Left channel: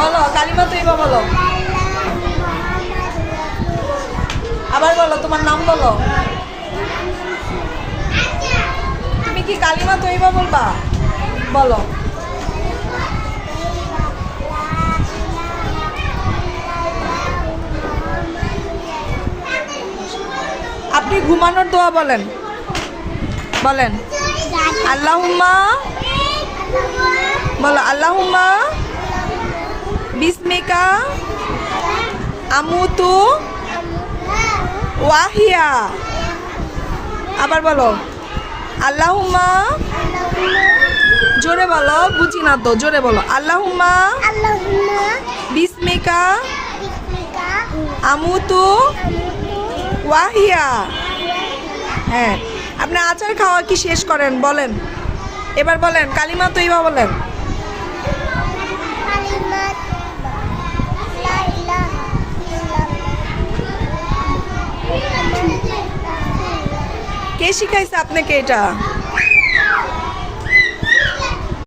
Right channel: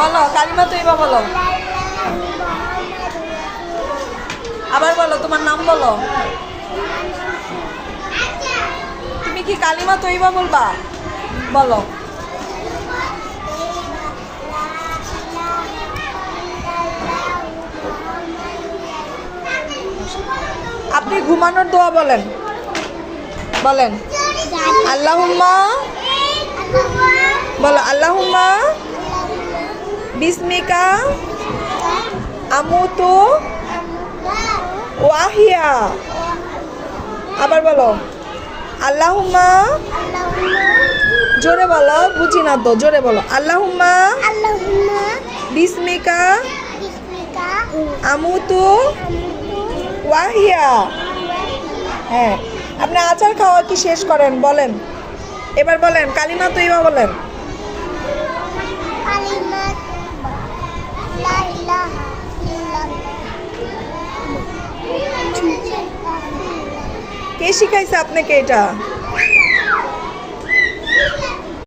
বলো কালিমা তৈবা বলো। আবার বলো, তোমার নাম বলো। তুমি কি কালিমা তৈবা বলবা? বলো। আপনি ঘুমানোর দোয়া বলেন, বলেন। আল্লাহুম্মা বলো, আল্লাহুম্মা বিসমিকা আমুতু ওয়াহিয়া। আবার বলো, আল্লাহুম্মা, জোরে বলো, বুঝি না তো, জোরে বলো। আল্লাহুম্মা বিসমিকা আমুতু ওয়াহিয়া। হ্যাঁ, আপনি আচার খাওয়া কি শেষ করেন? বলেন, এবার বলেন কালিমা তৈবা বলেন। কে শিখাইছে আপনাকে এটা?